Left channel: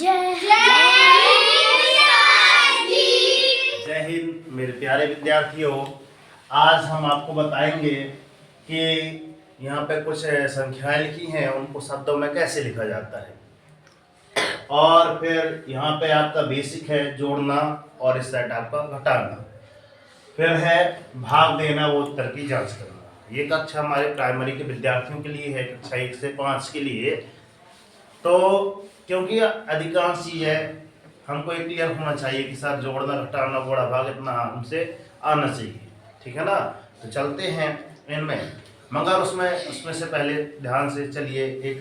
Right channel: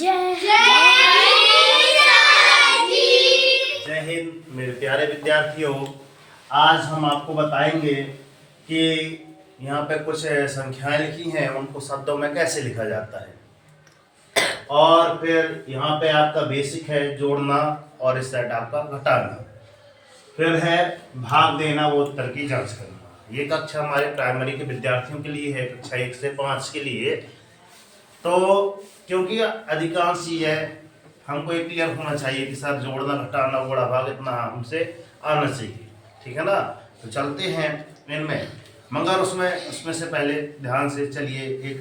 जय जय हिंद मेरे प्यारे विद्यार्थियों। आज हम आपको बताएंगे कि यहाँ पे कुछ संख्याएं लिखी हैं, उनको शब्दों में कैसे लिखा जाता है। और फिर यहाँ पे आपका बेसिक है जोड़ना और इस साइड आपका घटाना। फिर है भाग देना वो उत्तर की जांच करना। ये कक्षा हमारे प्राइमरी के विद्यार्थियों के लिए है, कक्षा 1 से 5 के लिए। तो क्योंकि अधिकांश चीज़ें हमको ये क्लियर होना चाहिए कि सर जोड़ना घटाना बड़ा भाग इतना हमसे आना चाहिए, ठीक है ना। तो चलते हैं इनमें, मगर उसमें से पहले ध्यान से चलिए, एक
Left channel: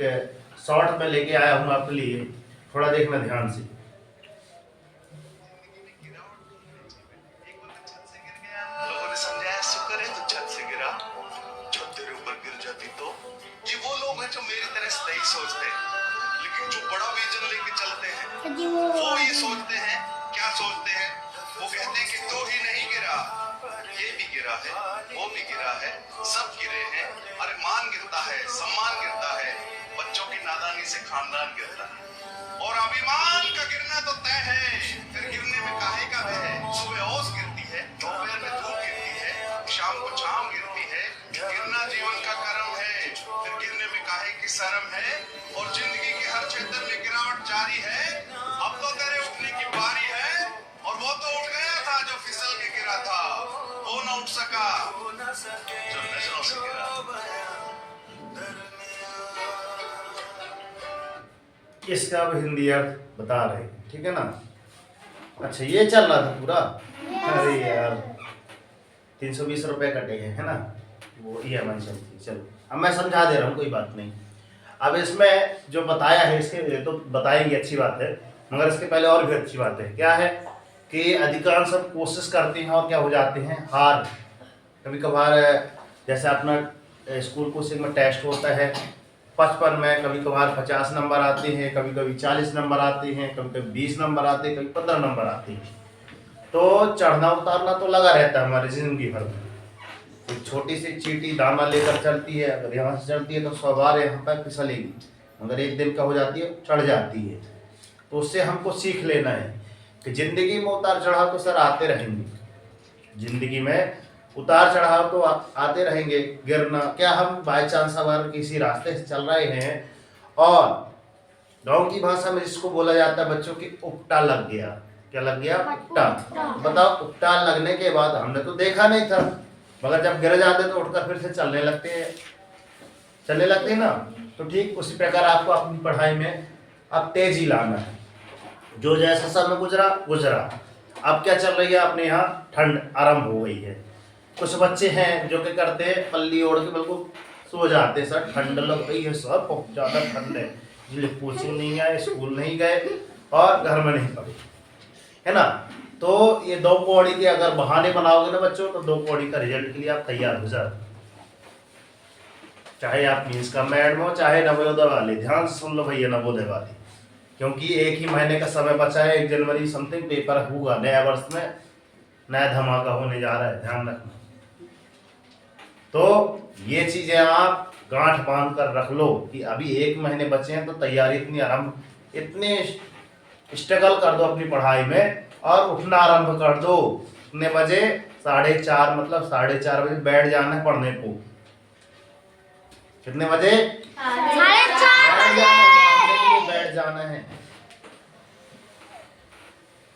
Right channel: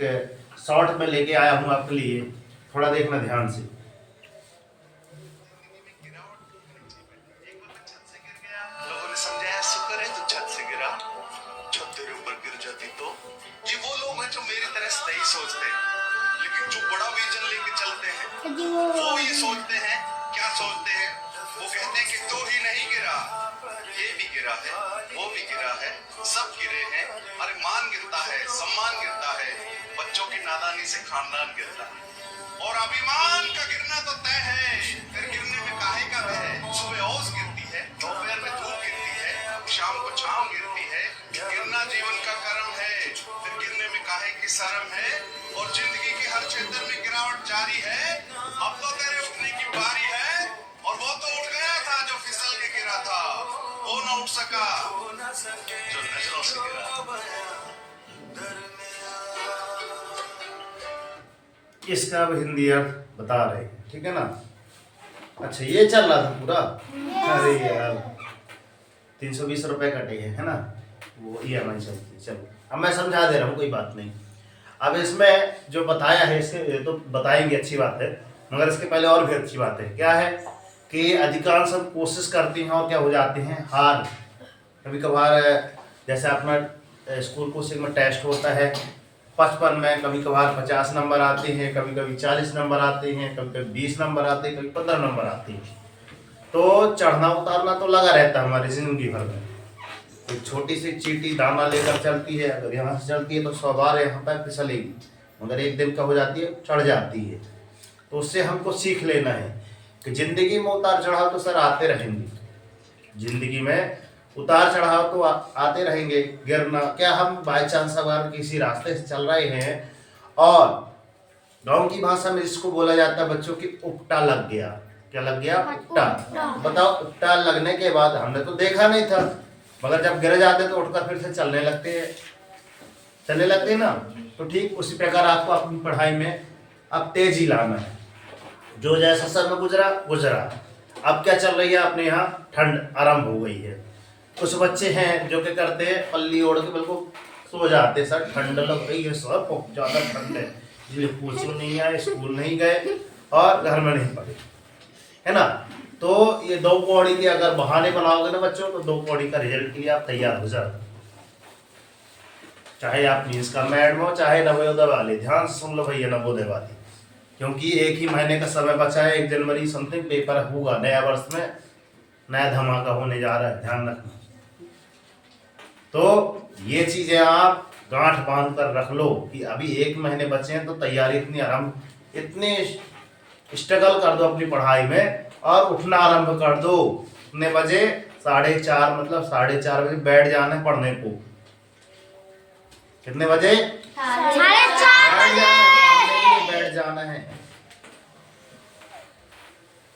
शॉर्ट में लेके आया हूँ आपके लिए, थोड़ा देखना ध्यान से। लोगों ने समझाया शुक्र है तो छत से गिरा, छत तेरे ऊपर गिर जाती तो। ये वो लोग हैं जो मेरी तरह से नहीं सोचते, लेकिन जो बड़ा विजन लेके चलते हैं वो ये सोचते हैं, क्या सोचते हैं, वो कहते हैं कि तो ही नहीं गिरा, ये भी गिरा है, वो भी गिरा है, सब गिरे हैं। अरे मान गिरता है, सम्मान गिरता है, बच्चों की नादानी से खानदान गिरता है, और अभिमान का गिरना तो तय है। फिर गिरने में काहे का भय है। सुबह ओस गिरती है, दोपहर में धूप गिरती है, शाम को छांव गिरती है। गिरना जीवन का कर्म है, फिर गिरने में काहे की शर्म है। और जिंदगी के हर क्षेत्र में गिरावट जारी है। अब तो तेरे उठने की बारी है, और वो तो उठ गया था जो फिसल के गिरा था, वो न उठ सका जो नजरों से गिरा। इसका अब हिंदी अर्थ बता रहे हैं, ठीक है ना। अच्छा, ये चल रहा था पूरा। अरे यार 320 रुपये कटे हैं, है ना, वो EMI चलती है। चलो अब मैं समझा दे रहा हूँ, कोई बात नहीं। अब इसमें जो बताया है इसके तो बताएंगे, अच्छी बात है, मगर इसके पहले और भी अच्छी बात है। क्या है कि अधिकांश सब कोशिश करते हैं और क्या हो जाते हैं, हार। कभी कभार जैसे अपना स्कूल कोचिंग में टेस्ट होता है 55 में, कभी कभार 50 नंबर आते हैं, कभी कभी 40 नंबर आते हैं, कभी कभी 20 नंबर आते हैं, कभी 15 नंबर आते हैं। तो चढ़ना उतारना तो लगा रहता है हमारी जिंदगी भर में। एक छोटी सी चींटी दाना लेकर चलती है, अगर यहाँ से चलती है तो 100 बार यहाँ पर फिसलेगी, मगर एक दिन क्या हो जाती है, चढ़ जाती है। तो उससे हमको सीख लेना है कि जिंदगी में उतार चढ़ाव तो सर आते रहेंगे, जिंदगी में उतार चढ़ाव तो आते रहेंगे। गिरना क्या, हम बाय चांस अगर किसी रास्ते से चल रहे हैं और गांव की भाषा में जिसको बोला जाता है बच्चों की उपटा लग गया। क्या लग गया? उपटा। बताओ, उपटा लगने के बाद हमने तो देखा नहीं था, मगर जब गिर जाते तो उठकर फिर से चलने लगते हैं ना। तो ठीक उसी प्रकार आपको अपनी पढ़ाई में अब तेजी लाना है। जो जैसा समय गुजरा, अब क्या चल रही है, अपने यहाँ ठंड आरंभ हो गई है। कुछ बच्चे हैं जो क्या करते हैं, पल्ली ओढ़ के बिल्कुल सो जाते हैं, सर ठंड लग रही है, सर बहुत ज़्यादा ठंड है, इसलिए कोचिंग नहीं आए, स्कूल नहीं गए और घर में नहीं पढ़े, है ना। तो ये 2 कौड़ी के अगर बहाने बनाओगे ना बच्चों, तो 2 कौड़ी का रिजल्ट के लिए आप तैयार हो जाओ। चाहे आप मीन्स का मैडम हो, चाहे नवोदय वाले, ध्यान से सुन लो भैया नवोदय वाले, क्योंकि एक ही महीने का समय बचा है, 1 जनवरी समथिंग पेपर होगा, नया वर्ष में नया धमाका होने जा रहा है, ध्यान रखना। तो ये चीजें आप गांठ बांध कर रख लो कि अभी 1 महीने बचे हैं, तो तैयारी इतनी स्ट्रगल कर दो अपनी पढ़ाई में और उठना आरंभ कर दो। कितने बजे? 4:30, मतलब 4:30 बजे बैठ जाना है पढ़ने को। कितने बजे? 4:30 बजे बैठ जाना है,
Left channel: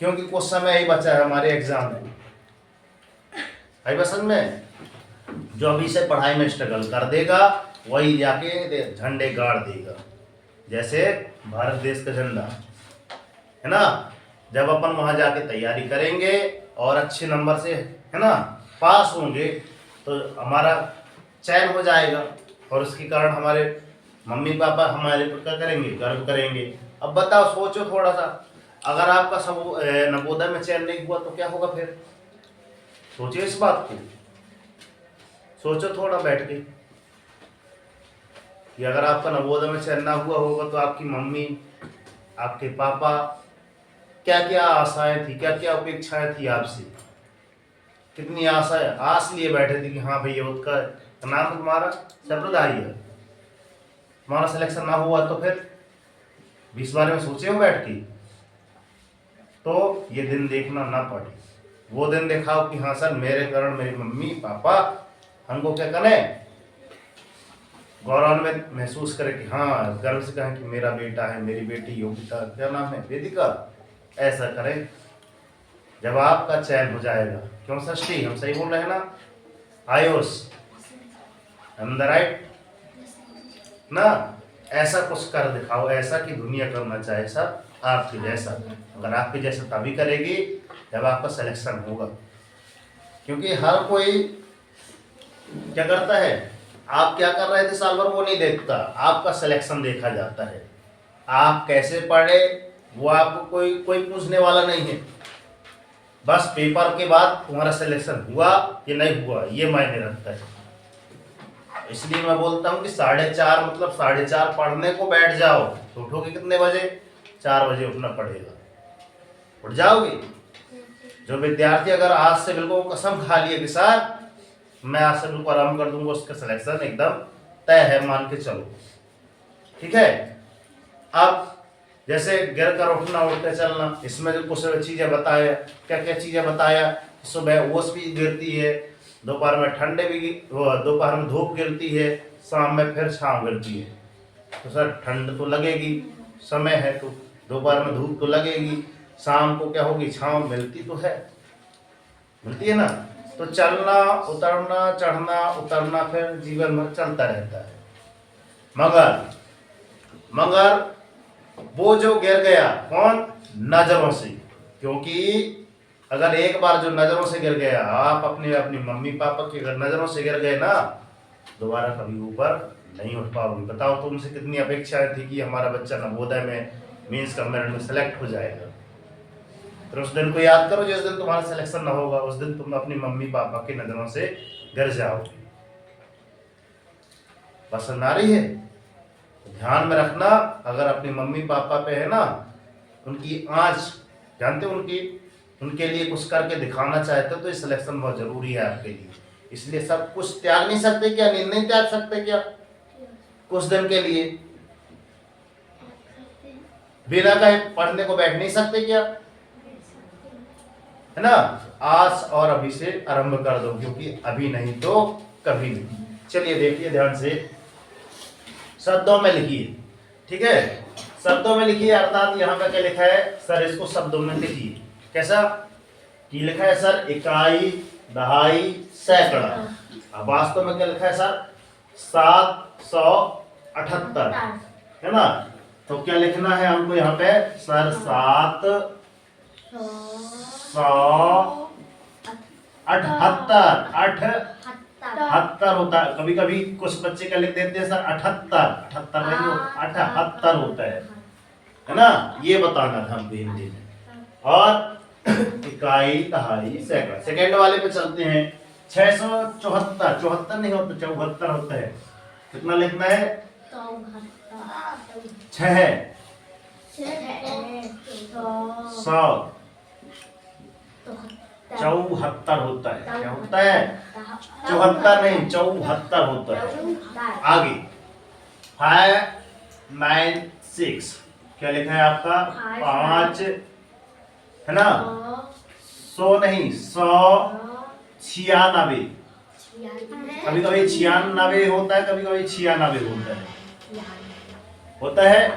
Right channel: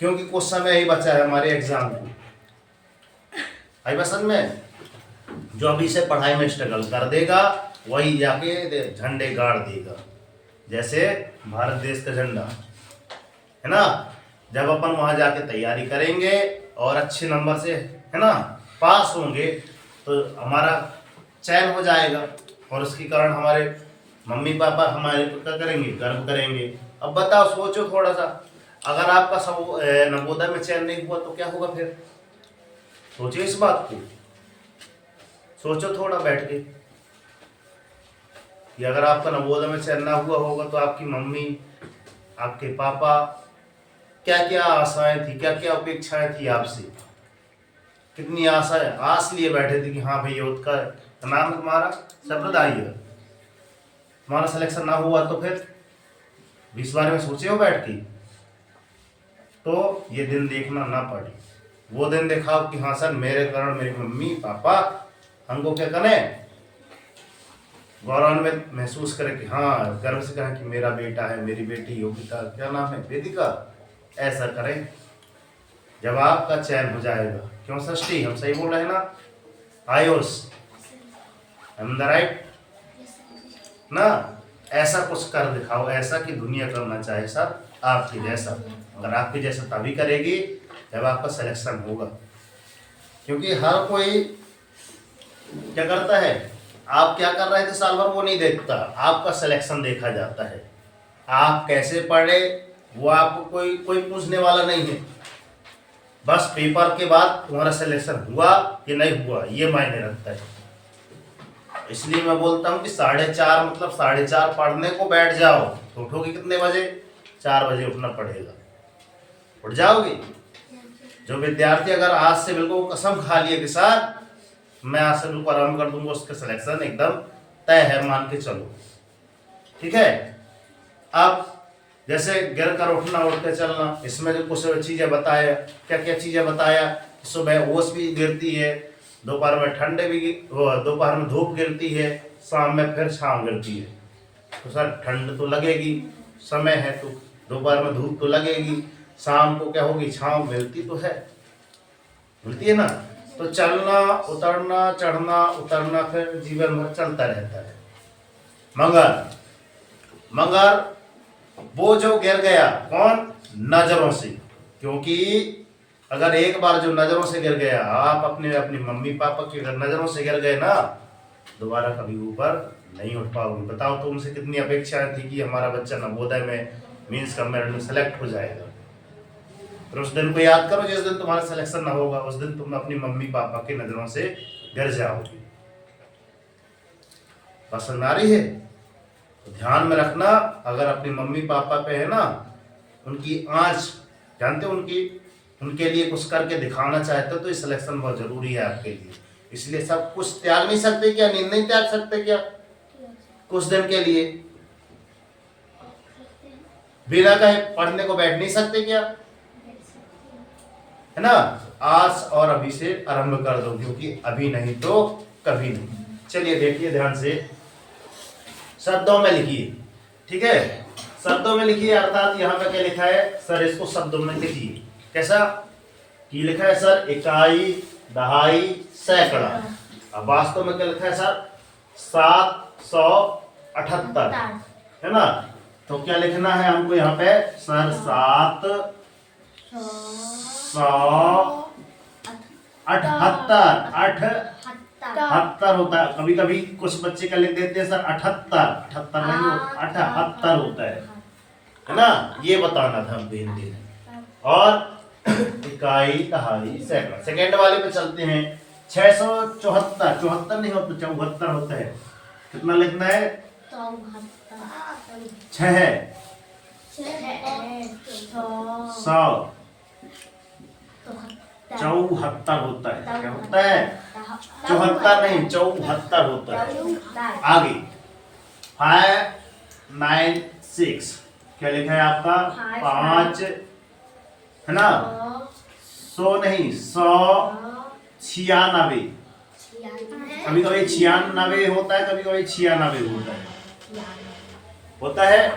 क्योंकि कुछ समय ही बचा है हमारे एग्जाम को। आई पसंद में, जो अभी से पढ़ाई में स्ट्रगल कर देगा वही जाके झंडे गाड़ देगा, जैसे भारत देश का झंडा, है ना। जब अपन वहां जाके तैयारी करेंगे और अच्छे नंबर से, है ना, पास होंगे, तो हमारा चयन हो जाएगा और उसके कारण हमारे मम्मी पापा हमारे पर क्या करेंगे, गर्व करेंगे। अब बताओ, सोचो थोड़ा सा, अगर आपका सब नवोदय में चयन नहीं हुआ तो क्या होगा फिर? सोचिए इस बात को, सोचो थोड़ा बैठ के कि अगर आपका नवोदय में चयन ना हुआ होगा तो आपकी मम्मी, आपके पापा क्या क्या आशाएं थी, क्या क्या अपेक्षाएं थी आपसे, कितनी आशाएं आस लिए बैठे थे कि हाँ भैया उसका नाम है तुम्हारा सप्रदाय है, तुम्हारा सिलेक्शन ना हुआ तो फिर इस बारे में सोचे हो बैठ के? तो ये दिन देखना ना पड़े। वो दिन दिखाओ कि हाँ सर मेरे कारण मेरी मम्मी पापा हमको क्या करें, गौरवान्वित महसूस करें कि हाँ गर्व से कहें कि मेरा बेटा है, मेरी बेटी योगिता, क्या नाम है, वेदिका, ऐसा करें। जब आपका चयन हो जाएगा, क्यों षष्ठी, हम सही बोल रहे हैं ना, आयुष राइट ना, ऐसा कुछ कर दिखाओ, ऐसा कि दुनिया करना चाहे सब आपके जैसा। अगर आपके जैसा तभी करेगी जब आपका सिलेक्शन होगा, क्योंकि हर कोई क्या करता है, आप क्या कर रहे थे साल भर वो नहीं देखता, आपका सिलेक्शन देखा जाता है। आप कैसे पढ़े वो आपको कोई पूछने वाला नहीं है, बस पेपर के बाद तुम्हारा सिलेक्शन हुआ कि नहीं हुआ ये मायने रखता है। इसलिए मैं बोलता हूँ कि 4:30 मतलब 4:30 पढ़ने को बैठ जाओ, तो उठोगे कितने बजे, 4 बजे उठना पड़ेगा, उठ जाओगे। जो विद्यार्थी अगर आज से बिल्कुल कसम खा लिए कि सर मैं आज से बिल्कुल आराम कर दूंगा, उसका सिलेक्शन एकदम तय है, मान के चलो, ठीक है। अब जैसे गिर कर उठना, उठ के चलना, इसमें जो कुछ चीज़ें बताया, क्या क्या चीज़ें बताया, सुबह ओस भी गिरती है, दोपहर में ठंडे भी, दोपहर में धूप गिरती है, शाम में फिर छाँव गिरती है। तो सर ठंड तो लगेगी, समय है तो दोपहर में धूप तो लगेगी, शाम को क्या होगी, छाँव मिलती तो है, मिलती है ना। तो चलना उतरना, चढ़ना उतरना फिर जीवन भर चलता रहता है। मगर वो जो गिर गया, कौन, नजरों से, क्योंकि अगर एक बार जो नजरों से गिर गया, आप अपनी मम्मी पापा की अगर नजरों से गिर गए ना, दोबारा कभी ऊपर नहीं उठ पाओगे। बताओ तुमसे कितनी अपेक्षाएं थी कि हमारा बच्चा नवोदय में मीन्स का मेरिट में सेलेक्ट हो जाएगा, फिर उस दिन को याद करो जिस दिन तुम्हारा सिलेक्शन ना होगा, उस दिन तुम अपनी मम्मी पापा की नजरों से गिर जाओगे। पसंद आ रही है तो ध्यान में रखना, अगर अपनी मम्मी पापा पे है ना उनकी आँच, जानते हो उनके लिए कुछ करके दिखाना चाहते हो, तो ये सिलेक्शन बहुत जरूरी है आपके लिए। इसलिए सब कुछ त्याग नहीं सकते क्या, नींद नहीं त्याग सकते क्या कुछ दिन के लिए, बिना कहे पढ़ने को बैठ नहीं सकते क्या, है ना। आज और अभी से आरंभ कर दो, क्योंकि अभी नहीं तो कभी नहीं। चलिए देखिए ध्यान से, शब्दों में लिखिए, ठीक है, शब्दों में लिखिए, अर्थात यहाँ पे क्या लिखा है सर, इसको शब्दों में लिखिए। कैसा की लिखा है सर, इकाई, दहाई, सैकड़ा। अब वास्तव में क्या लिखा है सर, 778, है ना। तो क्या लिखना है हमको यहाँ पे सर, 778 होता है। कभी कभी कुछ बच्चे क्या लिख देते हैं सर 78 नहीं होता, 78 होता है ना। ये बताना था हमको हिंदी में। और इकाई, दहाई, सैकड़ा। सेकेंड वाले पे चलते हैं, 674, 74 नहीं होता, 74 होता है। कितना लिखना है, 6 100 74 होता है। क्या होता है, 74 नहीं 74 होता है। आगे 596 क्या लिखा है आपका, 5 है ना, 100 नहीं 196, कभी कभी 96 होता है, कभी कभी 96 होता है,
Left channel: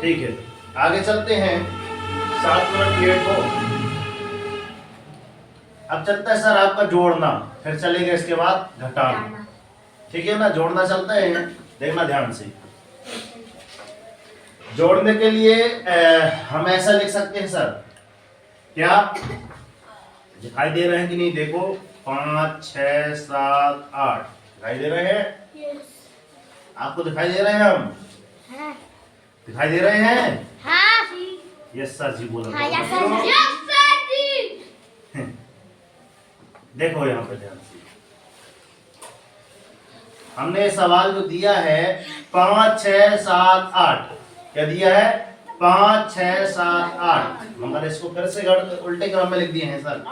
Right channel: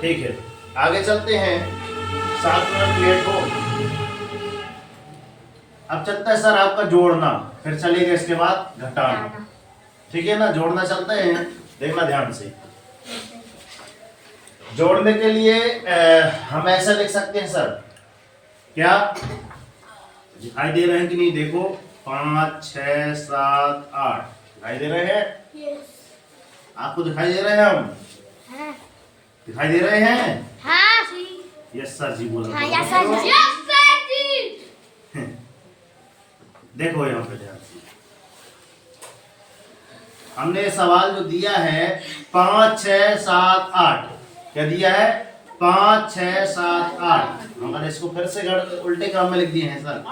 ठीक है। आगे चलते हैं, 7 मिनट लेट हो। अब चलता है सर आपका जोड़ना, फिर चलेगा इसके बाद घटाना, ठीक है ना। जोड़ना चलता है, देखना ध्यान से। जोड़ने के लिए हम ऐसा लिख सकते हैं सर, क्या दिखाई दे रहे हैं कि नहीं, देखो 5 6 7 8 दिखाई दे रहे हैं, आपको दिखाई दे रहे हैं, हम दिखाई दे रहे हैं, यस सर जी बोलो, देखो यहाँ पे ध्यान से, हमने सवाल जो दिया है 5 6 7 8, क्या दिया है 5 6 7 8, मगर इसको फिर से उल्टे क्रम में लिख दिए हैं सर,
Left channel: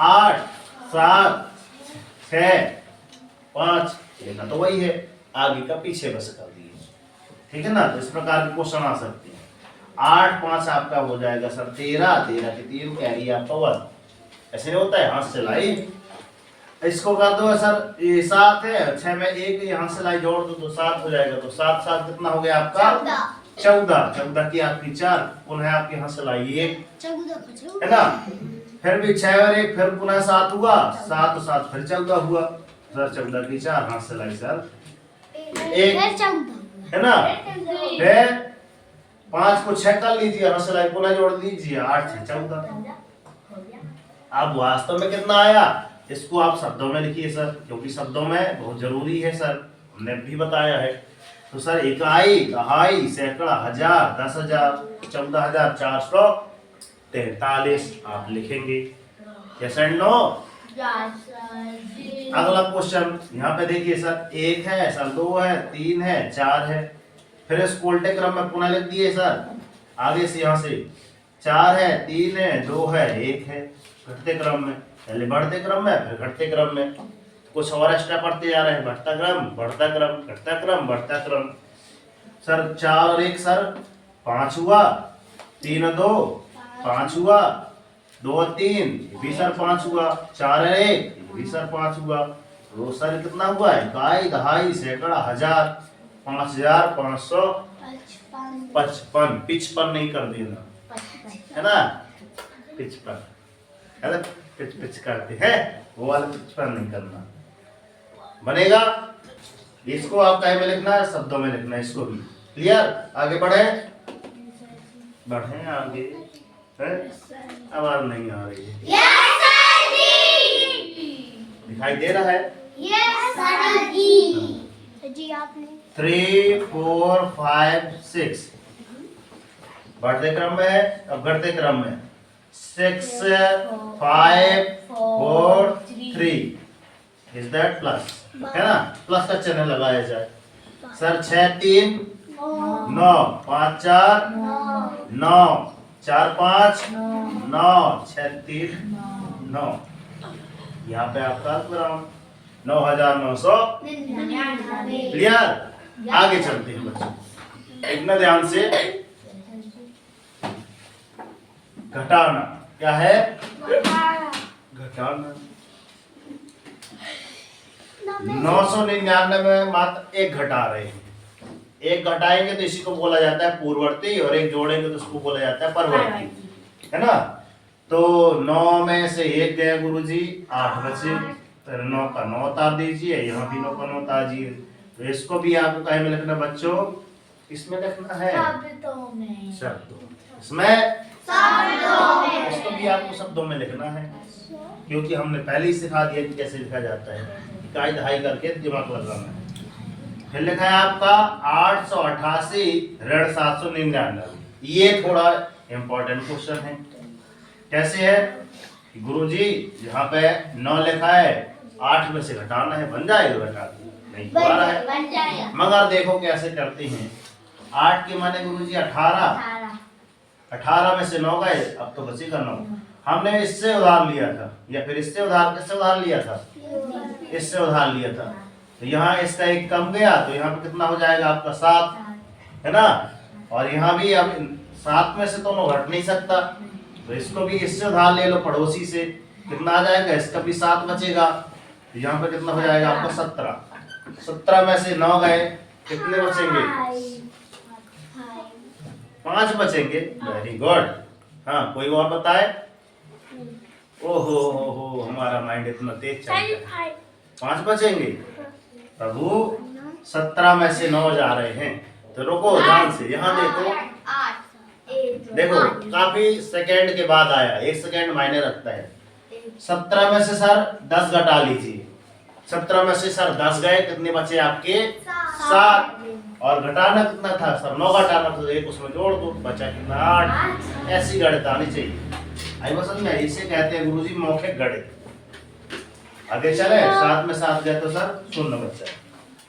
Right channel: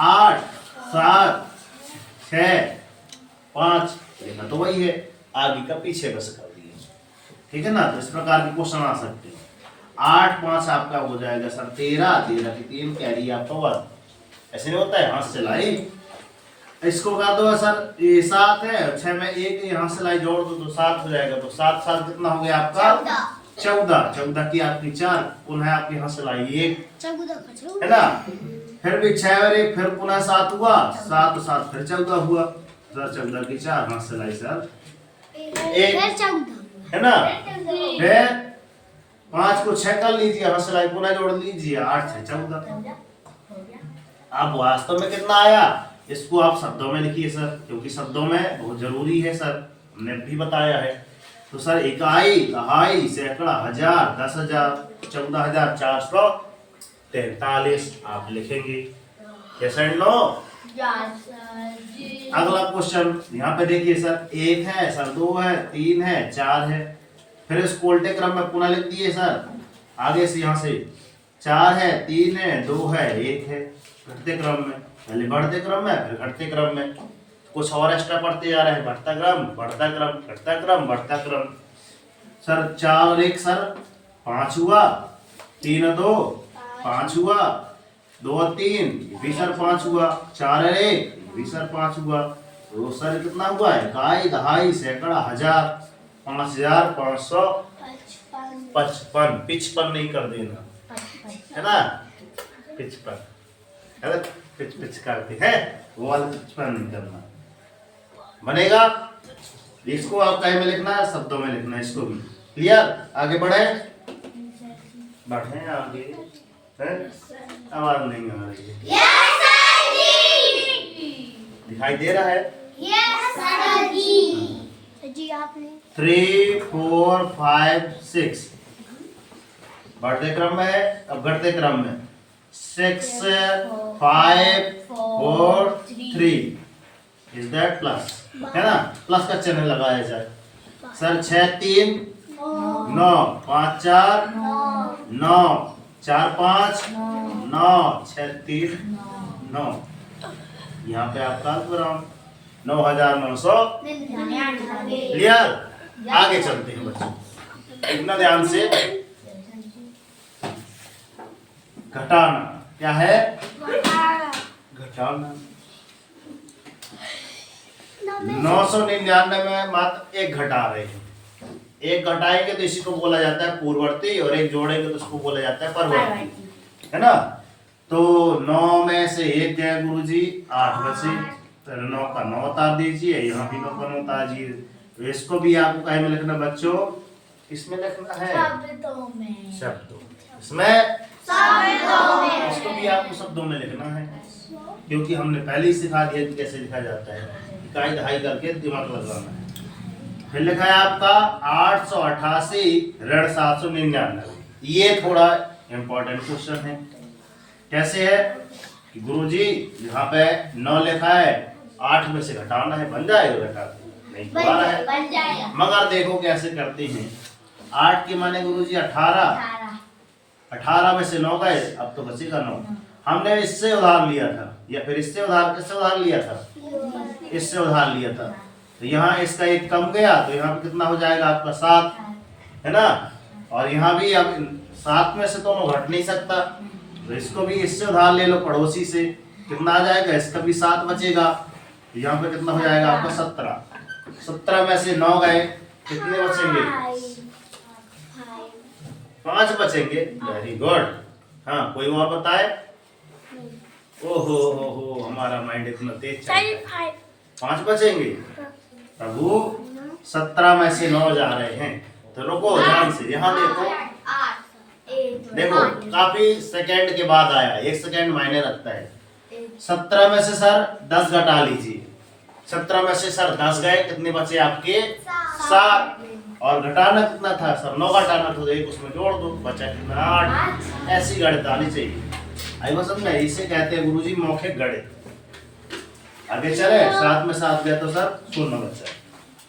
8 7 6 5, लेना तो वही है, आगे का पीछे बस कर दिए, ठीक है ना। तो इस प्रकार के क्वेश्चन आ सकते हैं। 8 5 आपका हो जाएगा सर 13, 13 की 3 कैरी आपका 1। ऐसे नहीं होता है, हाथ से लाई इसको कर दो सर, ये 7 है, 6 में 1 यहाँ से लाई जोड़ दो तो 7 हो जाएगा। तो 7 7 कितना हो गया आपका 14, 14 की आपकी 4, पुनः आपके यहाँ से लाई 1 है ना। फिर भी 6 और 1 फिर पुनः 7 हुआ, 7 7 फिर 14 हुआ सर, 14 की 4 हाथ से लाई सर 1 है ना। फिर 5 को 6 कर लीजिए, हाथ से लाई पुनः जोड़ लीजिए, 8 से 14। अब वास्तव में कितना आया इसको आप शब्दों में लिखिए सर, क्योंकि शब्दों में बहुत जरूरी है सर, हमने भी बताया है। तो सर इकाई, दहाई, सैकड़ा, हजार, 10,000, 14,443 आप लिखेंगे। yes and no? अगला क्वेश्चन यहाँ पे देखिए सर, 1 है सर, 2 है, 3 है, 4 है, फिर इसको उल्टे क्रम में पुनः लिख दिए सर, आगे से यहाँ से 4 है, 3 है, 2 है, 1 है, घटते क्रम में, पहले बढ़ते क्रम में फिर घटते क्रम में, कुछ और एक्स्ट्रा पढ़ते जा रहे हैं, बढ़ता क्रम, बढ़ता क्रम, घटता क्रम, बढ़ता क्रम। सर 4 और 1 सर 5 हुआ, 3 और 2 5 हुआ, 2 और 3 ये भी सर 5 हुआ, 4 और 1 ये भी सर 5 हुआ। तो सर कितना हुआ है, इकाई, दहाई, सैकड़ा, हजार, 5,555, 55 नहीं कर देना है ना, 55 है ना, पिच करते हैं वो वाला 55 नहीं करना, बनेगा। इसको आप कहीं में लिखना है, शब्दों में लिखना है, इसको भी क्लियर। आगे बढ़े बढ़े आगे है? आवाज नहीं आ रही है, दिखाई दे रहा है जी आपने 3 4 5 6 बढ़ते क्रम में है, अब घटते क्रम में 6 5 4 3 इज दैट प्लस है ना, प्लस का चिन्ह लगाया जाए सर। 6 3 9 5 4 9 4 5 9 6 3 9, यहाँ पे आपका 9,900 क्लियर। आगे चलते हैं बच्चों, इतना ध्यान से, घटाना क्या है, घटाना 999 में मात्र 1 घटा रहे हैं, 1 घटाएंगे तो इसी को बोला जाता है पूर्ववर्ती, और 1 जोड़ेंगे तो उसको बोला जाता है परवर्ती है ना। तो 9 में से 1 गए गुरुजी, 8 बचे, फिर 9 का 9 उतार दीजिए, यहाँ भी 9 का 9 उतार दीजिए। तो इसको भी आपको कहीं में लिखना बच्चों, इसमें लिखना है शब्दों, इसमें इसको भी आपको शब्दों में लिखना है, क्योंकि हमने पहले ही सिखा दिया कि कैसे लिखा जाता है, इकाई दहाई करके दिमाग लगाना है। फिर लिखा है आपका 888 ऋण 799, ये थोड़ा इंपॉर्टेंट क्वेश्चन है। कैसे है कि गुरुजी यहाँ पे 9 लिखा है, 8 में से घटाना है, बन जाएगा बेटा, नहीं दोबारा है, मगर देखो कैसे करते हैं। 8 के माने गुरुजी 18, 18 में से 9 गए, अब तो बचेगा 9। हमने इससे उधार लिया था, या फिर इससे उधार, किससे उधार लिया था, इससे उधार लिया था, तो यहाँ इसका 1 कम गया, तो यहाँ पे कितना हो जाएगा आपका 7 है ना। और यहाँ भी अब 7 में से दोनों घट नहीं सकता, तो इसको भी इससे उधार ले लो, पड़ोसी से, कितना आ जाएगा, इसका भी 7 बचेगा, तो यहाँ पे कितना हो जाएगा आपका 17। 17 में से 9 गए, कितने बचेंगे, 5 बचेंगे। Very good. हाँ, कोई और बताए। ओहो हो, हमारा माइंड इतना तेज चलता है। 5 बचेंगे प्रभु, 17 में से 9 जा रहे हैं, तो रुको ध्यान से, यहाँ देखो, देखो काफी सेकंड के बाद आया, 1 सेकंड मायने रखता है। 17 में से सर 10 घटा लीजिए, 17 में से सर 10 गए, कितने बचे आपके 7, और घटाना कितना था सर, 9 घटाना था, तो 1 उसमें जोड़ दो, बचा कितना 8। ऐसी गणित आनी चाहिए, आई समझ में, इसे कहते हैं गुरुजी मौखिक गणित। आगे चले, 7 में 7 गए तो सर 0 बचा।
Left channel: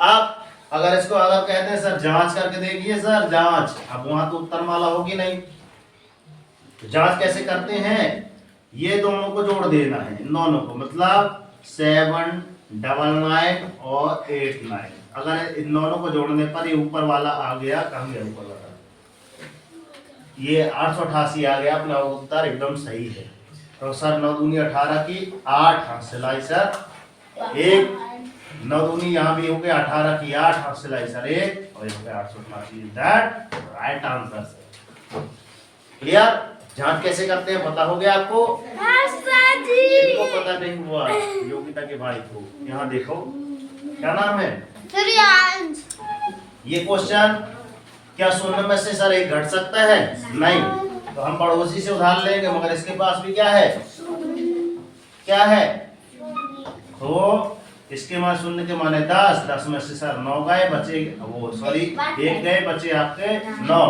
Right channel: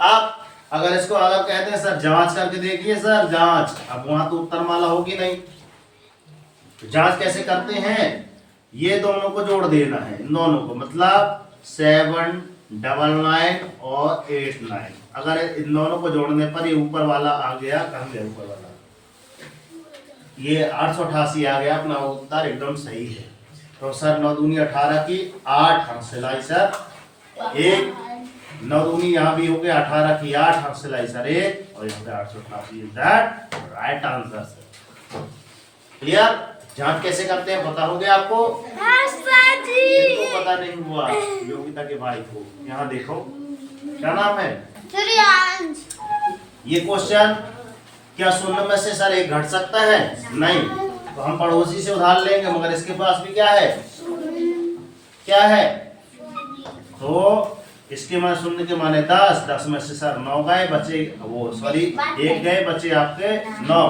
आप अगर इसको अगर कहते हैं सर जांच करके देखिए सर, जांच, अब वहां तो उत्तर माला होगी नहीं, तो जांच कैसे करते हैं, ये दोनों को जोड़ देना है, इन दोनों को, मतलब 7 99 और 89, अगर इन दोनों को जोड़ने पर ये ऊपर वाला आ गया, कहाँ गया ऊपर वाला, ये 888 आ गया अपना उत्तर एकदम सही है। तो सर 9 दूनी 18 की 8 हासिल आई सर एक, 9 दूनी यहाँ भी हो गया 18 की 8 हासिल आई सर एक, और यहाँ पे 888 is that right answer sir. Clear? जांच कैसे करते हैं पता हो गया आपको? इनको पता नहीं हुआ योगिता के भाई को। यहाँ देखो क्या नाम है? श्रेयांश। ये क्वेश्चन क्या 0 में से सर एक घट सकता है? नहीं, तो हम पड़ोसी से उधार लेंगे, मगर इसके पास भी क्या है? क्या है? तो इसके मान 0 के माने 10, 10 में से सर 9 गए बचे, वो सॉरी 1 गए बचे आपके 9।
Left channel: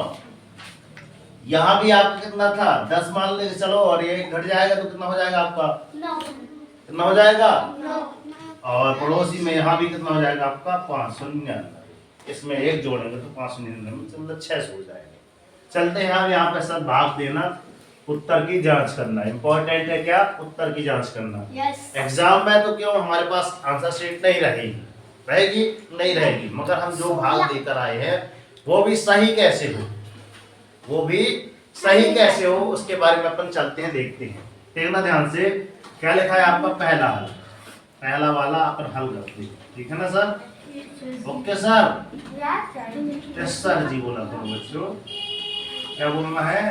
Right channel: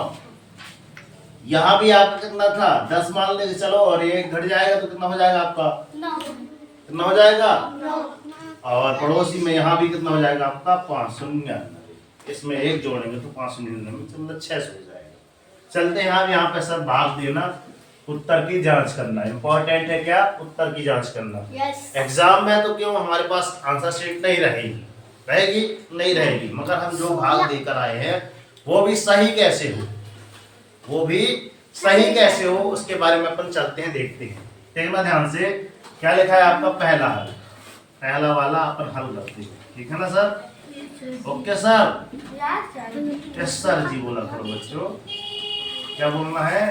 यहाँ भी आपका कितना था? 10 मान लेंगे चलो, और ये घट जाएगा तो कितना हो जाएगा आपका? 9। कितना हो जाएगा? 9। और पड़ोसी में यहाँ भी कितना हो जाएगा आपका? 599। इसमें 1 जोड़ेंगे तो 599 मतलब 600 हो जाएगा। चलते हैं यहाँ पे सर भाग देना, उत्तर की जांच करना इंपॉर्टेंट है। क्या? उत्तर की जांच करना। एग्जाम में तो क्यों हमारे पास आंसर शीट नहीं रहेगी नहीं रहेगी, मगर हम जो भाग देकर आए हैं वो भी सही कैसे हो उसके बारे में अपन चलते हैं, देखते हैं। देखना ध्यान से, क्या लिखा है आपका? पहला हल, पहला वाला अपन हल करते हैं, ठीक है ना sir? Okay sir? Yes sir ji बोला करो बच्चों। क्या बोलना है?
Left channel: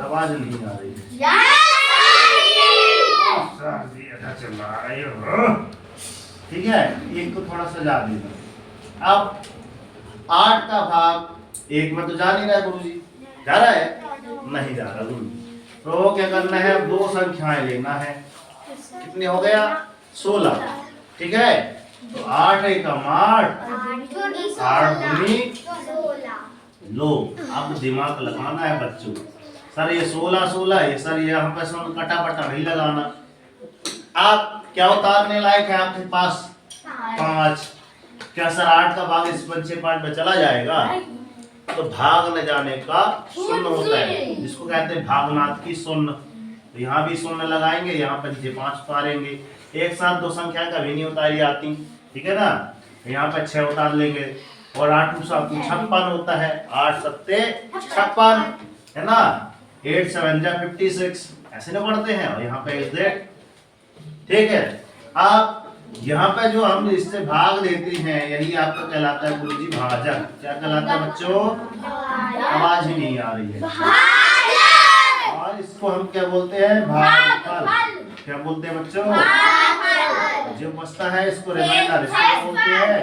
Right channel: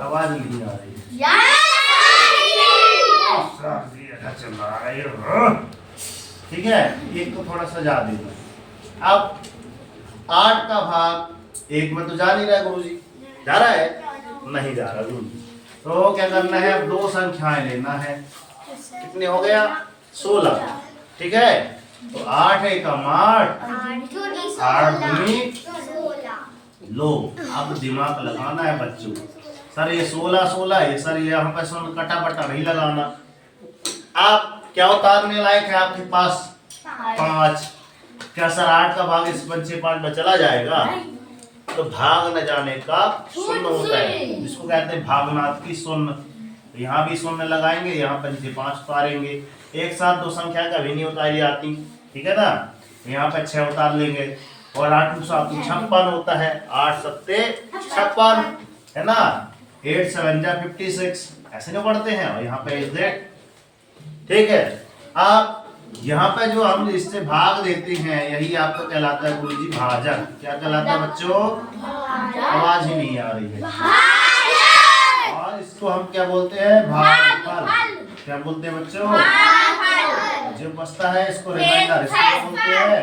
आवाज नहीं आ रही है। सर जी अच्छा चला रहे हो, ठीक है? एक को थोड़ा सजा देना। अब 8 का भाग 1 में तो जा नहीं रहा है गुरुजी, जा रहा है? नहीं जा रहा गुरुजी। तो क्या करना है? अब 2 संख्याएं लेना है। कितने हो गया? 16, ठीक है? तो 8 एक 8, 8 दूनी 16। लो, अब दिमाग लगाना है बच्चों। सर ये 16 है, सर ये हम पे कटा बटा नहीं लगाना। आप क्या उतारने लायक है आपके पास? 5। क्या सर 8 का भाग इस पंचे 5 में चला जाएगा? तो भाग न जाने का शून्य होता है, जिसको कहते हैं भागनाथ की शून्य। तो यहाँ भी शून्य लगाएंगे, यहाँ पंचे 5 उतारेंगे। एक साथ 2 संख्या कभी नहीं उतारी आती, ठीक है ना? तो यहाँ पे 6 उतार लेंगे, और 8 × 7 = 56 होता है। 8 × 7 = 56 है ना? 8 × 7 = 56 ऐसे ना पढ़ते हैं। और यहाँ पे इज दैट, ठीक है? अब यहाँ पे जो हम इससे भाग देते हैं यही आपको कहलाता है गुरुजी भाजक। क्या कहलाता है बच्चों? आवाज ही नहीं आ रही है। और इसको हम क्या बोलते हैं? भागफल। क्या बोलते हैं बच्चों? जो बचता है इसको रिमाइंडर, इसको क्या बोलते हैं?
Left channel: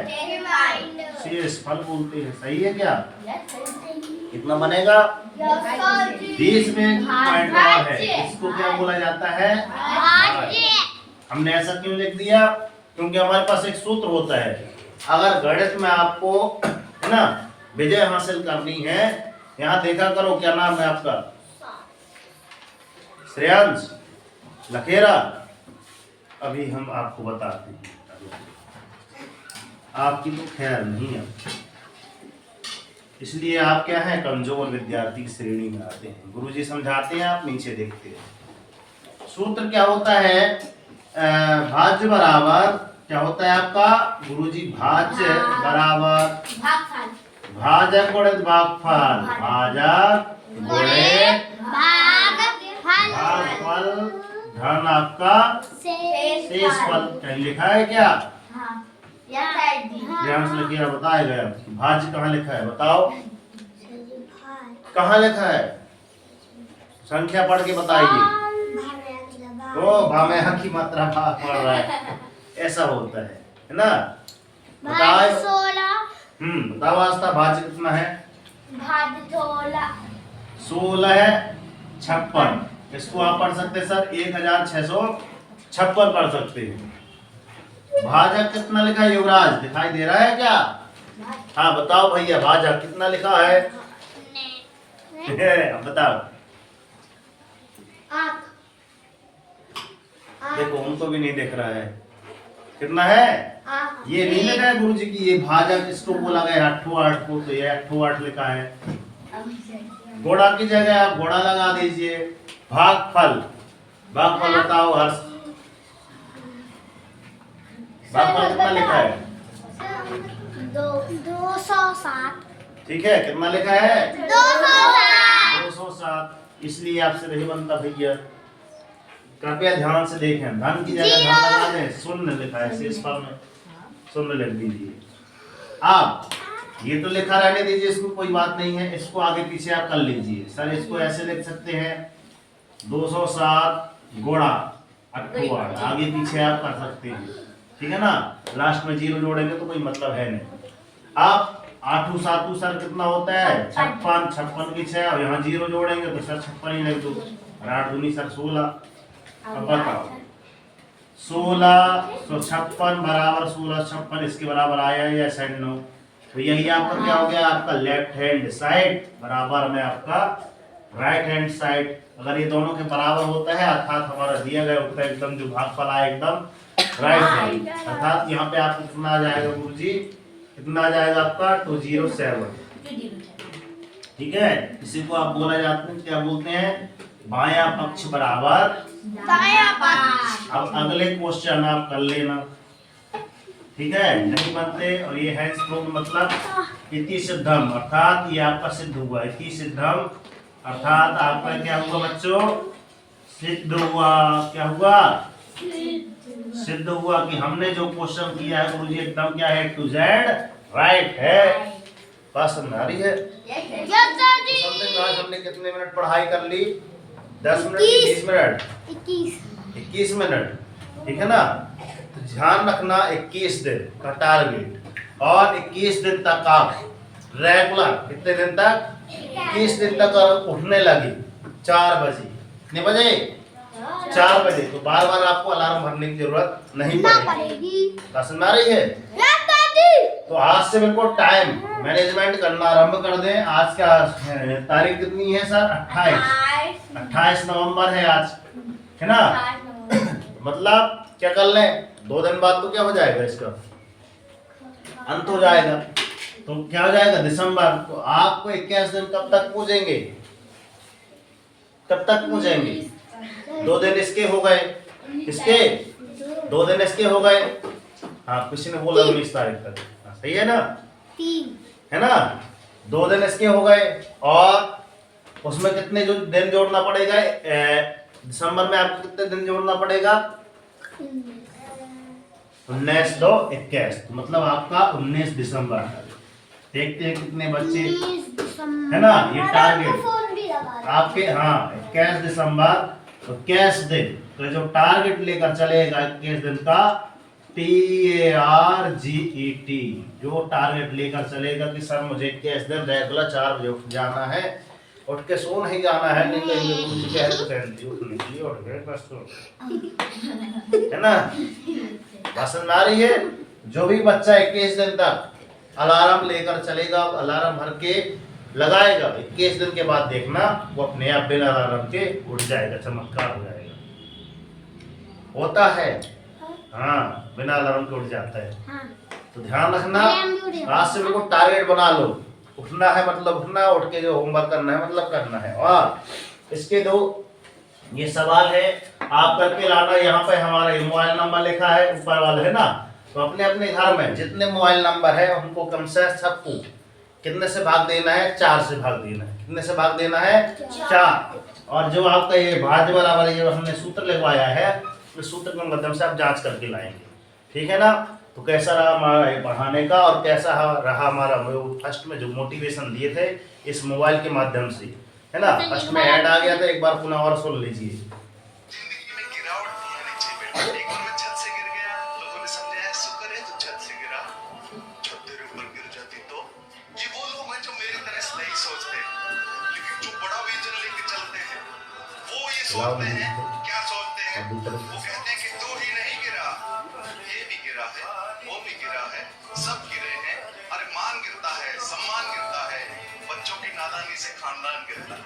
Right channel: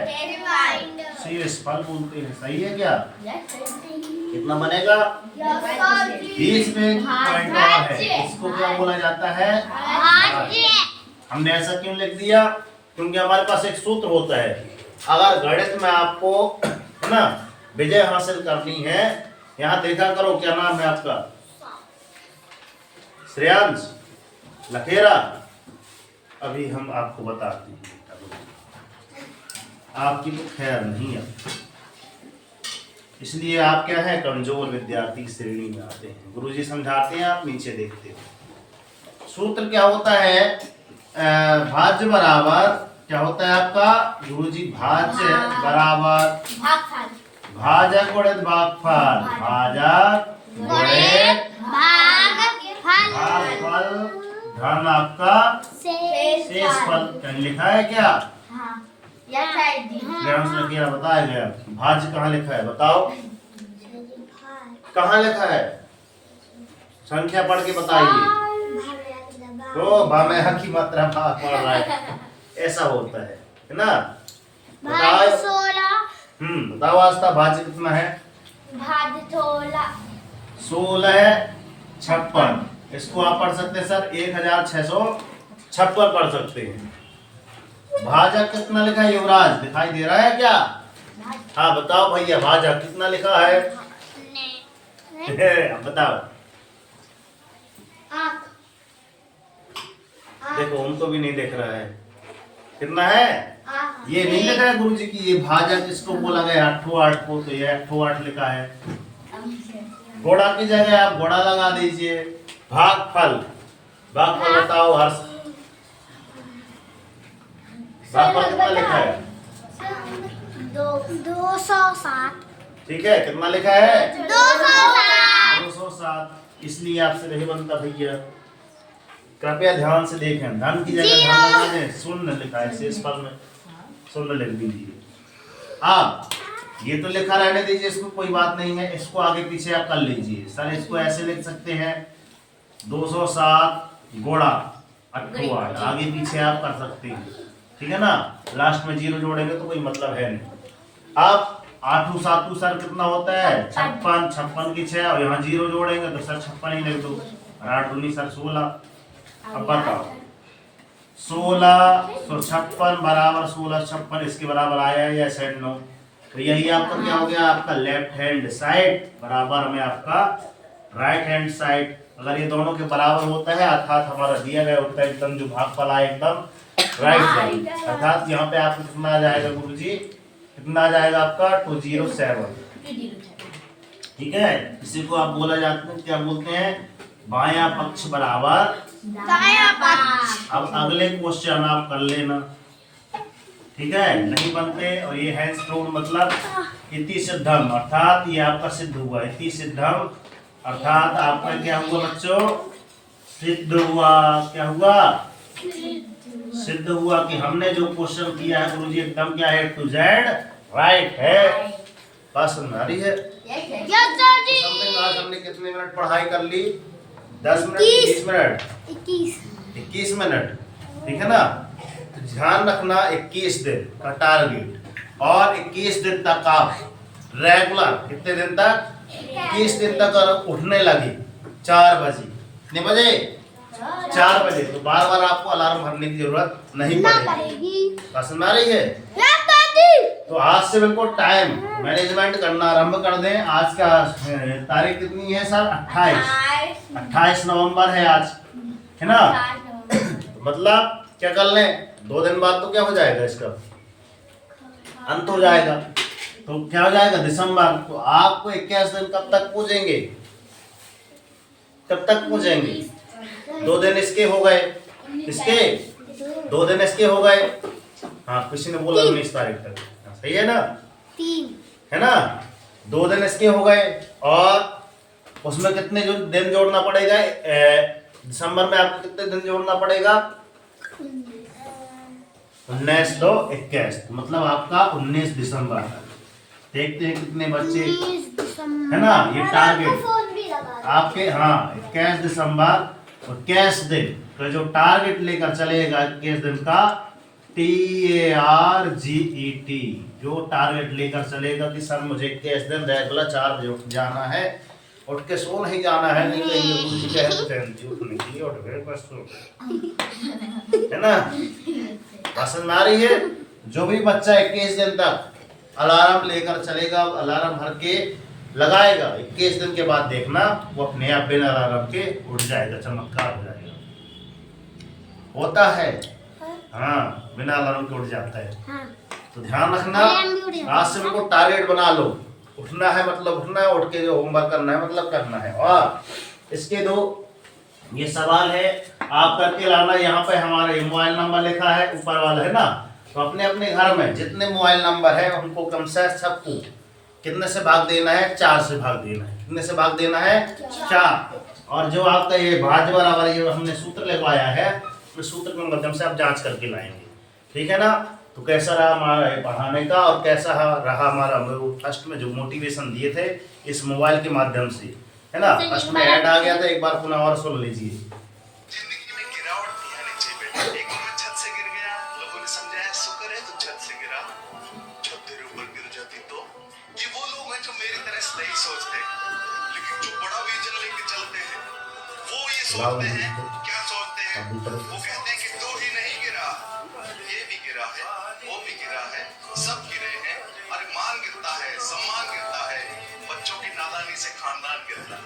शेषफल बोलते हैं। सही है क्या? कितना बनेगा? 20 में एक पॉइंट और है, इसको क्या बोला जाता है? हमने ऐसा क्यों लिख दिया? क्योंकि हमारे पास एक सूत्र होता है, अगर गणित में आपको है ना विजय हासिल करनी है। यहाँ देखा करो, क्या नाम है आपका? श्रेयांश लखेरा। अभी हम आपको बताते हैं, आपकी तो खैर नहीं है, इसलिए आप क्या है? कमजोर विद्यार्थी की श्रेणी में आते हैं। गुरुजी समझाते हैं, आप नीचे देखते हो। सूत्र क्या होता है? भाज्य बराबर क्या होता है आपका गुरुजी? भाज्य बराबर भाजक गुणित भागफल, भाजक गुणित भागफल धन आपका शेषफल। क्या लिखा है? क्या ध्यान से लिखिए, बताएगा। भाज्य कहाँ लिखा है बताओ? कहाँ लिखा है? संख्या पढ़ के बताइए। तो भामेहा की मात्रा भाग पड़ रहा है, ऐसा होता है ना? बताओ 16। बताओ आस्था, भाज्य कितना है? भाज्य 16 है 56। इसको आप पढ़ सकते हैं सर 1656 पढ़ सकते हैं। भाजक कितना लिखा है युवराज? दिखाई दे रहा है क्या? हाँ बताओ भैया, भाजक कितना लिखा है? बताओ। देखो उनको भी नहीं देख रहा है। कितना है? ये नहीं लिखा है गुरुजी की ये भाजक, इसको बोला गया 8 को, तो ये 8 लिखा है। घोड़ा की जगह आप घोड़ा लगा दीजिए। भागफल, भागफल बताओ हर्ष। भागफल कितना लिखा है? 207। ठीक है, कितना लिखा है? 207। इसलिए आपसे नहीं बनता भैया। कृपया ध्यान से देखें, धन की जगह धन लगा दें, शून्य लिखा है शेषफल में, शून्य लिख दीजिए। अब ये तो लिखा रहने दीजिए, इसमें कोई बात नहीं है, इसको आगे पीछे आप कर लीजिए। सर इसको ऐसे लिख सकते हैं 207 गुणा 28, आगे पीछे आप कर सकते हैं, ठीक है ना। लास्ट में 0 जोड़ेंगे तो कोई मतलब है नहीं। अब 8 7 सर कितना होता है 56, 56 की 6 और यहाँ 0 जोड़ेंगे तो सर 56 ही लिख दो। 8 दूनी सर 16। अब बताओ 1656 बराबर 1656 इसके बराबर आया या साइड 9, तो यही आपका क्या हो गया, आपका लेफ्ट हैंड साइड बराबर में आपका राइट हैंड साइड। अगर ये दोनों के बराबर होता है अर्थात हमारा दिया गया उत्तर एकदम जो भागफल आए एकदम राइट हैंड, अर्थात यहाँ पे आपको कितना आ जाएगा गुरुजी, कितना आ जाएगा आपका 207, ठीक है। इसी को आप बोला जाता है, क्या बोलते हैं, बायां पक्ष बराबर दायां पक्ष। अब अगले क्वेश्चन आप कर लेना, ठीक है, नहीं बनते। और ये हैंस प्रूव मतलब इति सिद्धम, अर्थात ये आपका सिद्ध हुआ, इति सिद्धम अर्थात आपका क्या हुआ बच्चों, सिद्ध हुआ। क्या हुआ, सिद्ध हुआ कि हमने जो क्वेश्चन किया है गुरुजी एकदम क्या है, टू जेड राइट है। बात समझ आ रही है। समथिंग आज हमने कितने मिनट पढ़ाई कर ली, 10 मिनट 20 मिनट 21 मिनट, ठीक है ना। तो ध्यान रखना 21 दिन का टारगेट, और 21 दिन तक आप रेगुलर, कितने दिन तक, 21 दिन तक अगर उठने लगे 4 बजे, कितने बजे, 4 बजे, तो बार बार आपको अलार्म भरने की जरूरत नहीं पड़ेगी। समझ आ रही है। तो आज से बिल्कुल टाइम मैनेजमेंट करना आरंभ कर दें। आज का तारीख कितनी है सर, 28 नवंबर है आज, है ना। मतलब क्या कर लें, 2 दिन बाद तो क्या हो जाएगा, इसका अंत हो जाएगा, तो क्या हो जाएगा दिसंबर। तो आपको 21 दिन कब तक पूजेंगे, कब तक पूजेंगे, 2 दिन इसके हो गए, इसके 2 दिन इसके हो गए। हाँ किसी ने बोला 19 तारीख तक, हाँ, सही है ना, 3 है ना, 2 दिन इसके हो गए। और उसमें कितने जो दिन जोड़ना पड़ेगा, दिसंबर में आपको कितने दिन जोड़ना पड़ेगा, 19 2 21, मतलब आपका 19 दिसंबर। देखते हैं कितने बच्चे, है ना, ये टारगेट आपके, हाँ 21 दिसंबर, 21 दिन का जो टारगेट लेकर चलेगा, 21 दिन का TARGET, जो टारगेट लेकर चलेगा कि सर मुझे 21 दिन रेगुलर 4 बजे उठ जाना है, उठ के सो नहीं जाना है, नहीं कहेंगे गुरुजी कहे तो उठने के लिए उठ गए बस, है ना। समझ में आ रही है। जो भी बच्चा 21 दिन तक अलार्म लेकर चलेगा, अलार्म भर के लगाएगा, 21 दिन के बाद देखना वो अपने आप बिना अलार्म के उठ जाएगा, चमत्कार हो जाएगा, होता है, हाँ बिना अलार्म के उठ जाता है। हाँ। तो ध्यान रखना, आज से बिल्कुल टारगेट बना लो, उठना है मतलब उठना, उठ के जो होमवर्क करना है मतलब करना है। और इसके 2 ये सवाल है आप करके लाना। यहाँ पे हमारा ये मोबाइल नंबर लिखा है ऊपर वाला, है ना, तो अपने अपने घर में जितने मोबाइल नंबर है उनको कम से सबको कितने से भाग देना है, 4 से भाग देना है। कितने से भाग देना है, 4। और जो आपका ये भाज्य बराबर ये हमने सूत्र लिखवाया है, उस सूत्र के माध्यम से आप जांच करके लाएंगे, ठीक है ना। तो कैसा रहा हमारा ये पढ़ाने का, और कैसा रहा हमारा फर्स्ट में जो मोटिवेशन दिए थे इस मोबाइल के माध्यम से, है ना। फर्स्ट में ऐड आ गया था, एक बार पुनः और सुन लीजिए। जिंदगी में गिरावट भी आनी चाहिए बेटा। एक बार मैं छत से गिर गया, लोगों ने समझाया शुक्र है तू छत से गिरा, छत तेरे ऊपर गिर जाती तो। ये वो लोग हैं जो मेरी तरह नहीं सोचते, लेकिन जो बड़ा विजन लेके चलते हैं वो ये सोचते हैं, क्या सोचते हैं, वो कहते हैं कि तू ही नहीं गिरा, ये भी गिरा है, वो भी गिरा है, सब गिरे हैं। अरे मान गिरता है, सम्मान गिरता है, बच्चों की नादानी से खानदान गिरता है,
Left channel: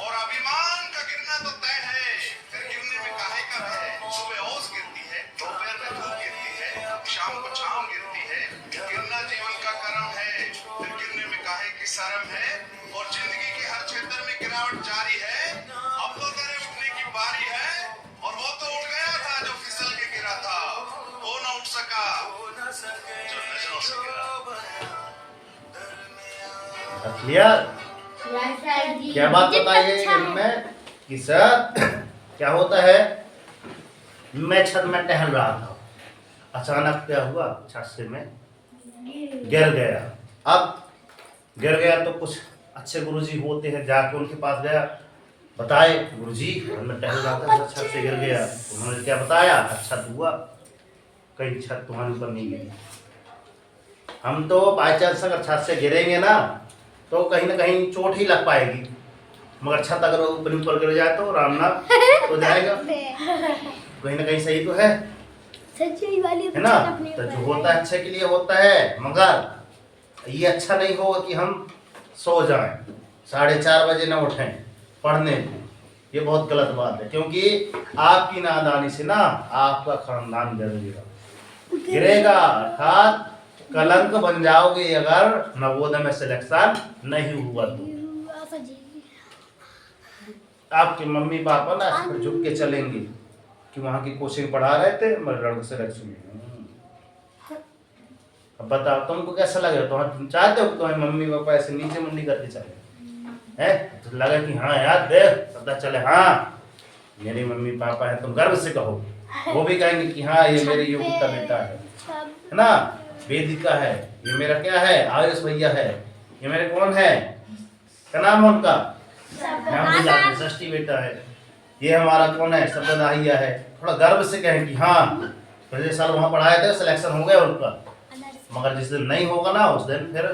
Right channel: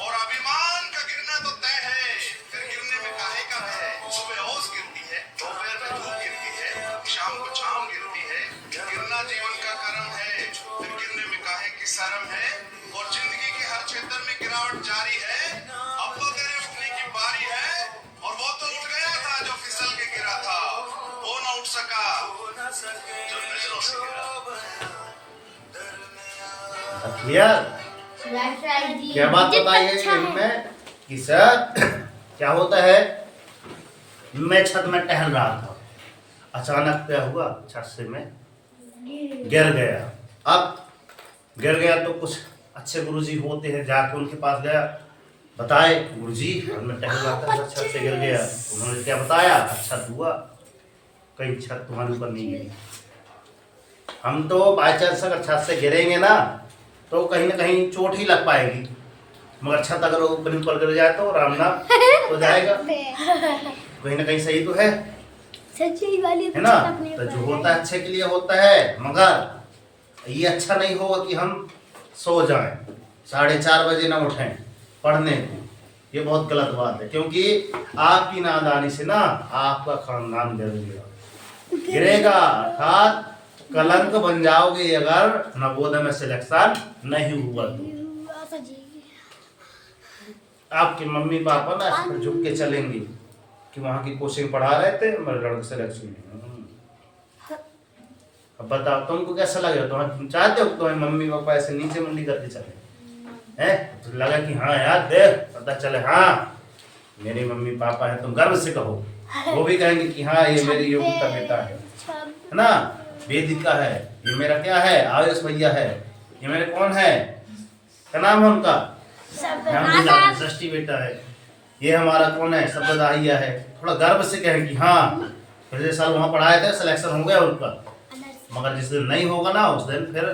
और अभिमान का गिरना तो तय है, फिर गिरने में काहे का है। सुबह ओस गिरती है, दोपहर में धूप गिरती है, शाम को छांव गिरती है, गिरना जीवन का कर्म है, फिर गिरने में काहे की शर्म है। और जिंदगी के हर क्षेत्र में गिरावट जारी है, अब तो तेरे उठने की बारी है, और वो तो उठ गया था जो फिसल के गिरा था, वो ना उठ सका जो नजरों से गिरा। क्लियर, क्या बात बताइए इनमें कि सर क्या होता है, मैं छत में टहल रहा था, अचानक क्या हुआ, छत से मैं गिर गया। अब गिर गया तो कुछ अच्छे गुरुजी होते हैं, जाके उनके पास गया, बताए गुरुजी मैं टहल रहा था, छत से गिर गया। उन्होंने क्या बताया, अच्छा हुआ कहीं छत तुम्हारे ऊपर नहीं गिरी। हम तो बाई चांस अगर छत से गिरेंगे ना तो कहीं ना कहीं चोट ही लग पाएगी, मगर छत अगर ऊपर ऊपर गिर जाए तो राम नाम हो जाएगा। कहीं ना कहीं सही तो है है ना। तो जो होता है अच्छे के लिए होता है, मगर ये अच्छा नहीं होगा कि हम सो जाएं 4:30 बजे ना उठें पढ़ने को, ये बहुत गलत बात है। क्योंकि आपकी नादानी से ना आपका खानदान गिरेगा, अर्थात कलंक बन जाओगे अगर नवोदय में सिलेक्शन नहीं हुआ तो। आपके मम्मी पापा ना इस पर झुक के चलेंगे कि वहाँ की कोचिंग पढ़ा रहे थे, मेरे लड़के सिलेक्शन। अब बताओ तुमको कैसा लगेगा, तुम चाहते हो कि तुम्हारे मम्मी पापा ऐसे नीचे मुंडी करके चले हैं? तो लगा कि हाँ यार देख पता चले हाँ मेरे मम्मी पापा है, तुम गर्व से कहो, वो भी कहेंगे कि हाँ ये मेरी योग्यता बेटा है ना, वेदिका है, ये मेरा क्या है, आयुष भैया है, ये मेरे कौन है, क्या नाम है उनका, नाम षष्ठी बेटा है, ये हमारा कौन है, शब्ददाहिया है। थोड़ा गर्व से कहें कि हाँ पिछले साल वहाँ पढ़ाए थे, सिलेक्शन हो गया उनका। मगर जिस दिन नहीं होगा ना उस दिन फिर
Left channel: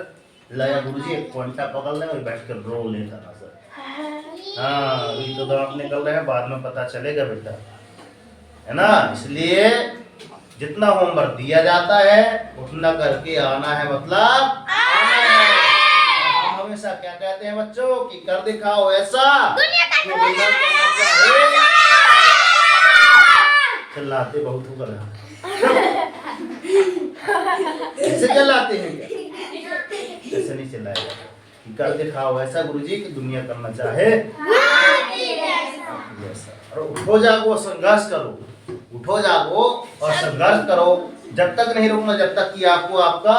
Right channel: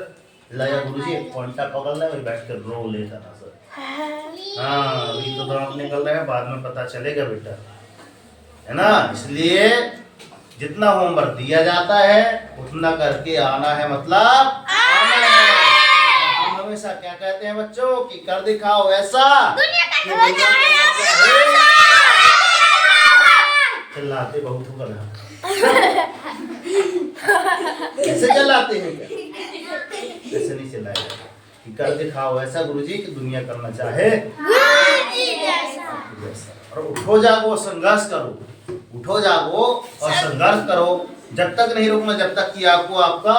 लाया गुरुजी एक पॉइंटा पकड़ ले, बैठ कर रो लेता ना सर। हाँ अभी तो दांत निकल रहे हैं, बाद में पता चलेगा बेटा, है ना। इसलिए जितना होमवर्क दिया जाता है उतना करके आना है, मतलब आना है। हम हमेशा क्या कहते हैं बच्चों कि कर दिखाओ ऐसा कि दुनिया करना चाहिए। चिल्लाते बहुत होकर ऐसे चिल्लाते हैं क्या, ऐसे नहीं चिल्लाएगा कि कर दिखाओ ऐसा गुरुजी कि दुनिया करना चाहे जैसा। और उठो जागो संघर्ष करो, उठो जागो और संघर्ष करो, जब तक नहीं रुकना जब तक कि आपको आपका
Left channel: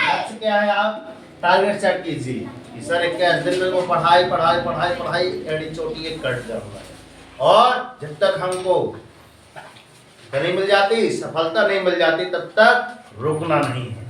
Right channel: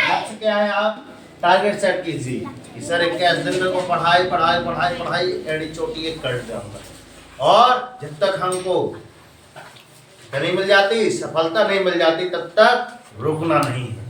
लक्ष्य क्या है, आप टारगेट सेट कीजिए कि सर 21 दिन में को पढ़ाई पढ़ाई पढ़ाई पढ़ाई एड़ी चोटी एक कट जाऊंगा। और जब तक हमको नहीं मिल जाती, सफलता नहीं मिल जाती, तब तक रुकना नहीं है,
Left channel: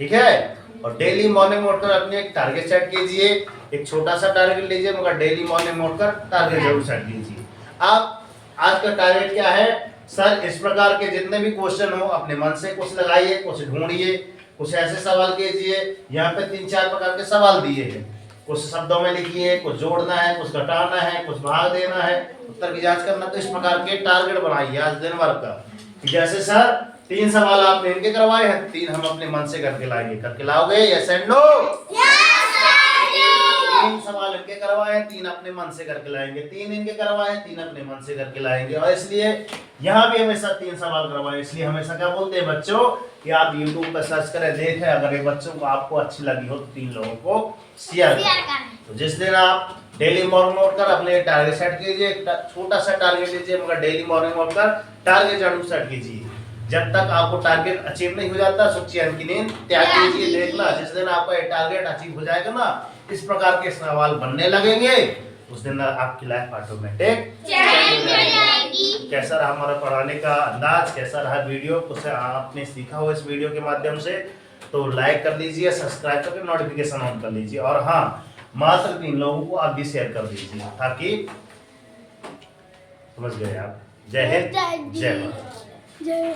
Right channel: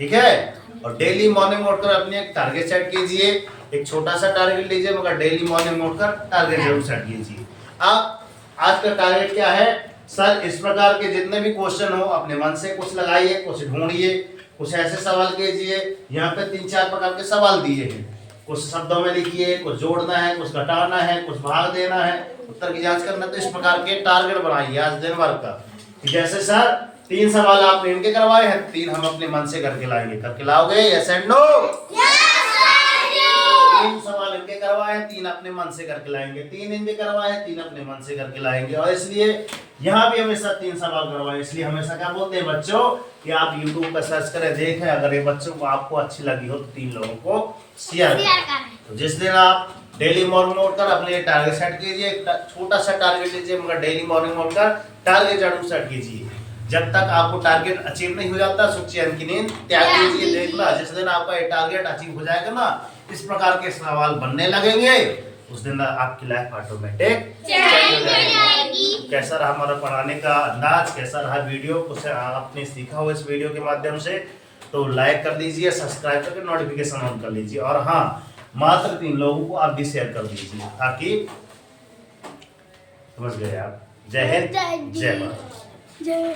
ठीक है। और डेली मॉर्निंग उठकर अपने एक टारगेट सेट कीजिए, एक छोटा सा टारगेट लीजिए मगर डेली मॉर्निंग उठकर टारगेट जरूर सेट कीजिए। आप आज का टारगेट क्या है, सर इस प्रकार के जितने भी क्वेश्चन हो अपने मन से कुछ लगाइए, कुछ ढूंढिए, कुछ ऐसे सवाल कीजिए। यहाँ पे 3-4 प्रकार के सवाल दिए हैं, कुछ शब्दों में लिखिए, कुछ जोड़ना है, कुछ घटाना है, कुछ भाग देना है, उत्तर की जांच करना। तो इस प्रकार के टारगेट बनाइए आज दिन भर का कि जैसे सर 3 सवाल आपने इनके करवाए हैं, 3 हम अपने मन से करके लाएंगे। करके लाओगे यस एंड नो? 3 सवाल इनके करवाए, 3 अपने मन से करके लाएंगे, 3 इनके करवाए, 3 अपने मन से करके लाएंगे। और इसलिए यहाँ भी हमेशा 3 सवाल करवाए। इसलिए हमेशा क्या बोलते हैं बच्चों कि आप YouTube पर सर्च करें, देखें, अगर ये बच्चों को आपको अच्छी लगी हो तो 3 लोगों को शेयर करें। तो जिस दिन आप डेली मॉर्निंग उठकर अपने टारगेट सेट कीजिए, छोटा सा टारगेट लीजिए मगर डेली मॉर्निंग उठकर टारगेट जरूर सेट कीजिए। जब तक आपको टारगेट अचीव नहीं हो जाता सुख चैन की नींद त्याग कीजिए। देखना जिस दिन आपका ये टारगेट अचीव हो जाएगा ना, इस प्रकार के सवाल बनने लगेंगे, उस दिन आपकी लाइफ ऑटोमेटिक चेंज हो जाएगी। कैसा रहा हमारा पढ़ाने का अंदाज, कैसा रहा वीडियो, कुछ आपने सीखा हो इस वीडियो के माध्यम से, तो लाइक कर दीजिए, सब्सक्राइब करके नोटिफिकेशन ऑन कर लीजिए। और हाँ, मात्र 3 लोगों को आप भी शेयर कर दीजिए ताकि समझ गए आप। जय हिंद, जय भारत। जय